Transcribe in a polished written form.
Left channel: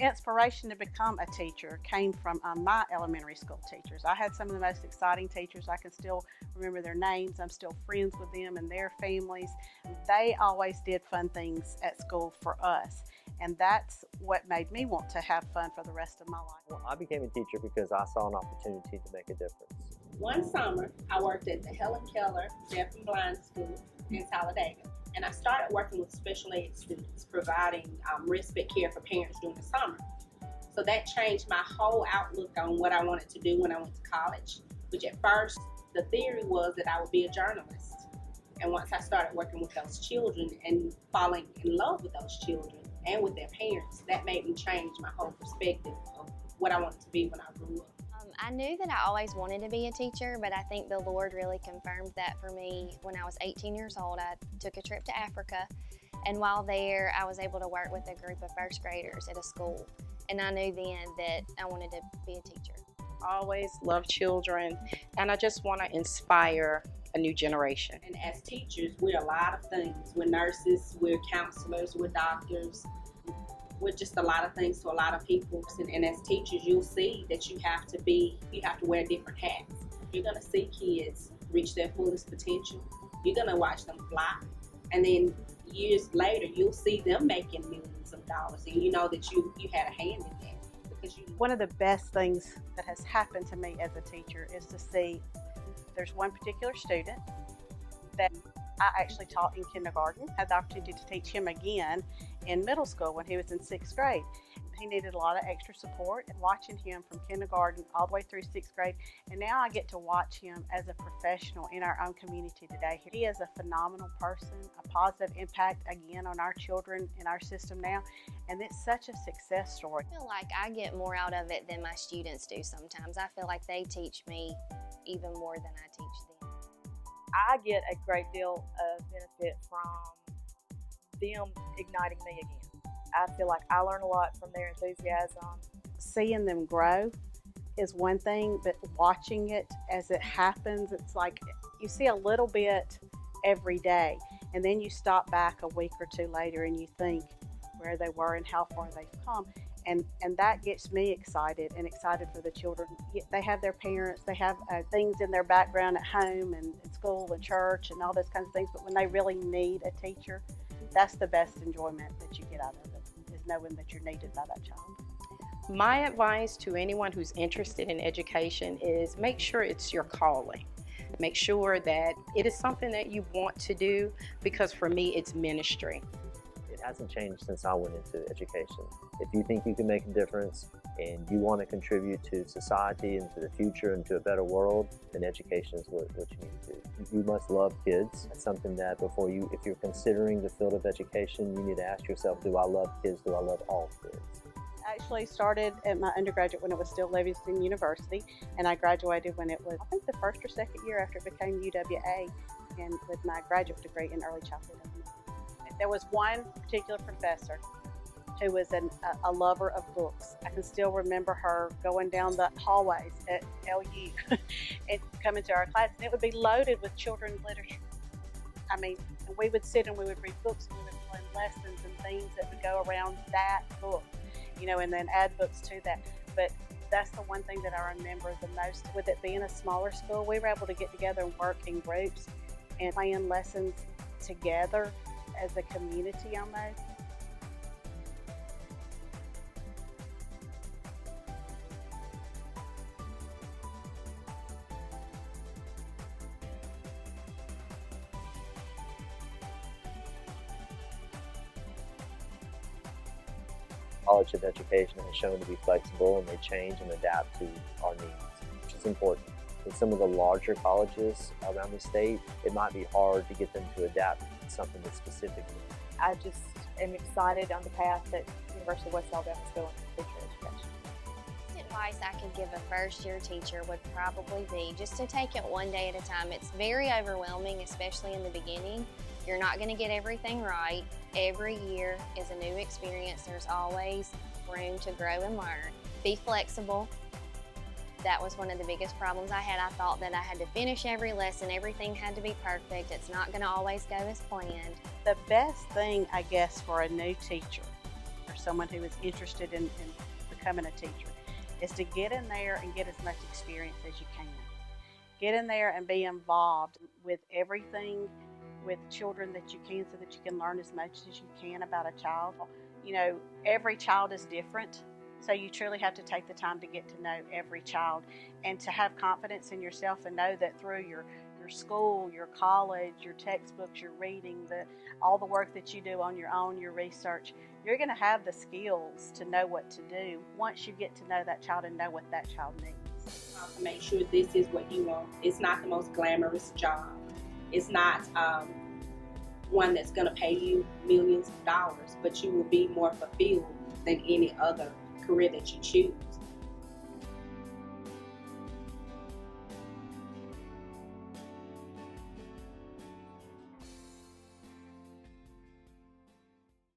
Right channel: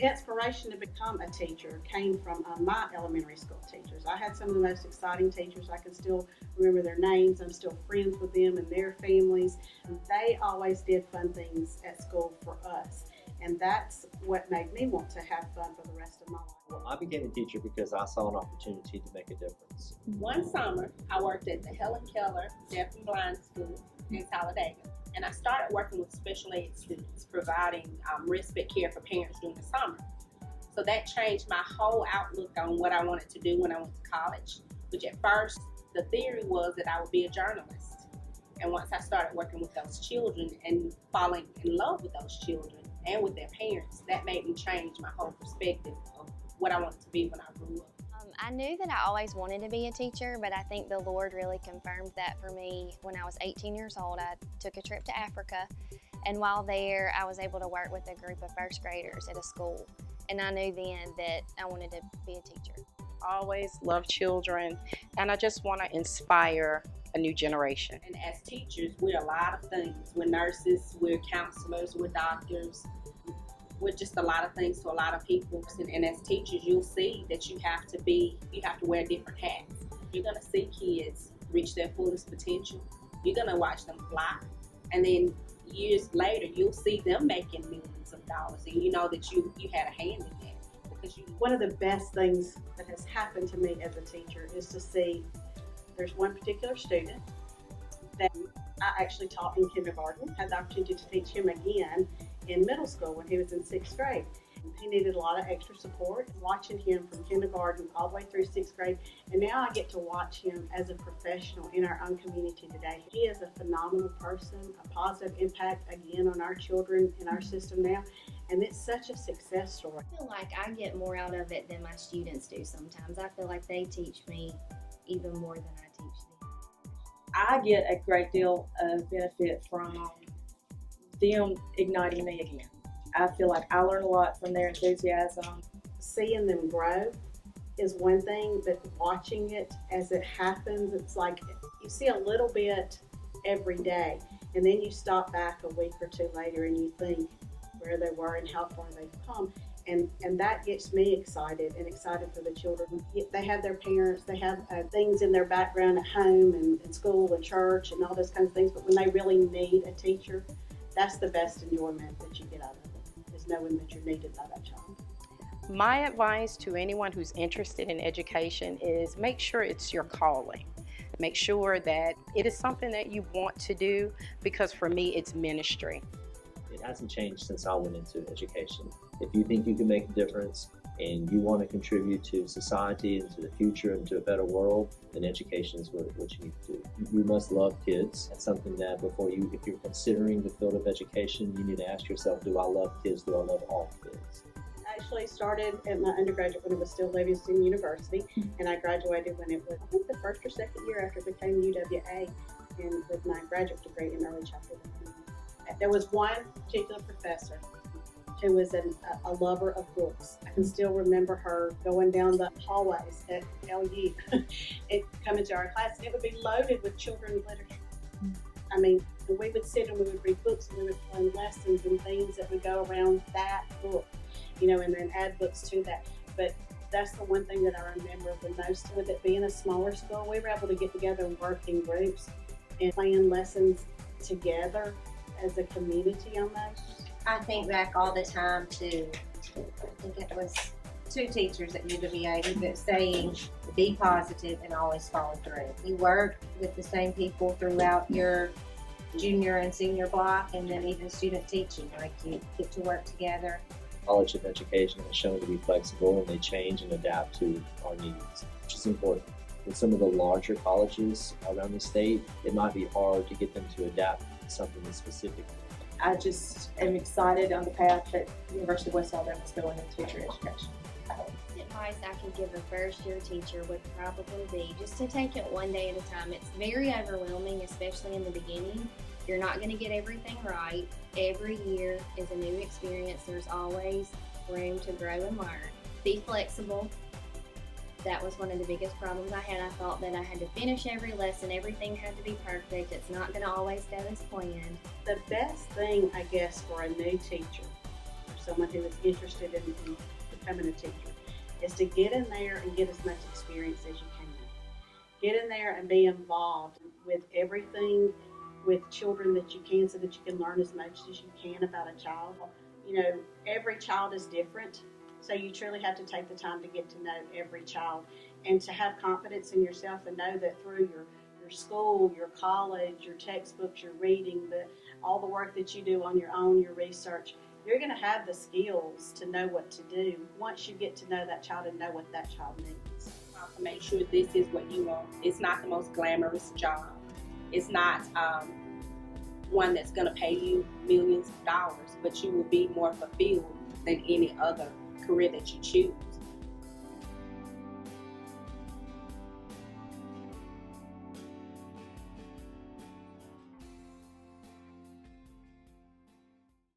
The inspiration to become a teacher came from my elementary school teachers. I had some of the most exciting teachers. I can still remember their names. I'm still friends with them and their families. They always did fun things at school for us. And that's what made me want to have fun for the rest of my life. Well, I became a teacher because I saw an opportunity to make a difference. One summer, I worked at the Helen Keller Deaf and Blind School in Talladega. And I started working with special ed students, providing respite care for parents during the summer. So that changed my whole outlook on what I wanted to do when I went to college, which at first, the theory was that I would be a journalist. And once I started working with those children and falling in love with those children and with their parents, that made me change my whole perspective of what I wanted to be when I grew up. I knew that I always wanted to be a teacher, but I think the Lord really confirmed that for me when I was 18 years old. I took a trip to Africa, and while there, I was able to work with a group of first graders at a school, and I knew then that I wanted to be a teacher. I always loved children, and I just want to inspire a new generation. And as teachers, we're a lot of things. We're nurses, we're counselors, we're doctors. We're just a lot of things to a lot of people. And as teachers, you'll see that you have to wear different hats. You're gonna see kids reach their fullest potential. You're gonna watch them fly. And then years later, you'll see them making millions of dollars. And you know that you had a hand in that. Because one of the best things that has happened to me as a teacher is to see there's one particular student that I actually taught in kindergarten, had the opportunity to teach him again in middle school when he was in 6th grade. He needed a lot of extra support, and watching him from kindergarten all the way through 6th grade, and now I get to watch him as a professional in our own community today. He is a phenomenal person, a positive impact again on our children in our system now, and it's such a success story. I feel like I get more out of it than my students do sometimes. I feel like they teach me even more than I teach them. I get a great deal of benefit from them igniting me again. I feel like I learn a lot from their enthusiasm. Seeing them grow is one thing, but watching it as it happens, it's like you see a little bit every day, and then you stop back a week or two later and you think where they were and how far they've come. And that gets me excited and excited for the children. They have their parents, they have things in their background at home and at school and church and all those kinds of things, but when they really need a teacher, that's the best enjoyment that you get out of it, is knowing that you're needed by that child. My advice to anyone who's interested in education is make sure it's your calling. Make sure that it is something that you want to do, because for me, it's ministry. It hasn't changed since I went into education. If you think you can make a difference and you want to contribute to society and to the future and to a better world, then education is what you need to do. You must love kids. That's something that if you're considering the field of education, you need to ask yourself, do I love kids? Do I love all kids? I actually started at my undergraduate when it was still Livingston University, and I graduated when it was, I think, the first or second year after it became UWA, and with my graduate degree in early childhood. There was one particular professor who was a lover of books. I can still remember her going down the hallways at LU and coming to our class, and it would be loaded with children's literature. I mean, we would sit and we would read books, and we would learn lessons and things that would go around that book, and then add books to that. But that's the one thing that I remember the most. With it being a smaller school, we were able to get together and work in groups and plan lessons together as a community almost. I think back all the time to, I think it was 2 teachers at UWA who kept saying, be positive and always follow through. You work with the same people throughout your junior and senior block, and then even student teaching, like you get to work together. College of education is shown to be flexible, and they change and adapt to our needs, which is important. In some of the larger colleges around the state, it might be hard to get them to adapt to something that's specific. I just am excited on the path that the University of West Alabama is going in teacher education. Advice I could give a first-year teacher would probably be just to take it one day at a time. It's very overwhelming, especially in the beginning. You're not going to get everything right. Every year is a new experience. There's always room to grow and learn. Be flexible. That was one of the biggest problems I had. I thought that I had to finish every lesson. Everything had to be perfect. It's not going to always go as planned. The best thing, I guess, for a new teacher, or someone who is interested in becoming a teacher is to get in there and get as much experience as you can. Get in there and be involved with everything with children that you can, so that you can learn as much as you can about a child. You know, every child is different, so you truly have to take the time to get to know every child and to have confidence in yourself and know that through your school, your college, your textbooks, your reading, all the work that you do on your own, your research, you're going to have the skills to know what to do once you get to know that child and know what that child needs. To make sure this is what you want. It's not the most glamorous job. It's not one that's going to pay you millions of dollars, but you will be more fulfilled than any other career that you choose.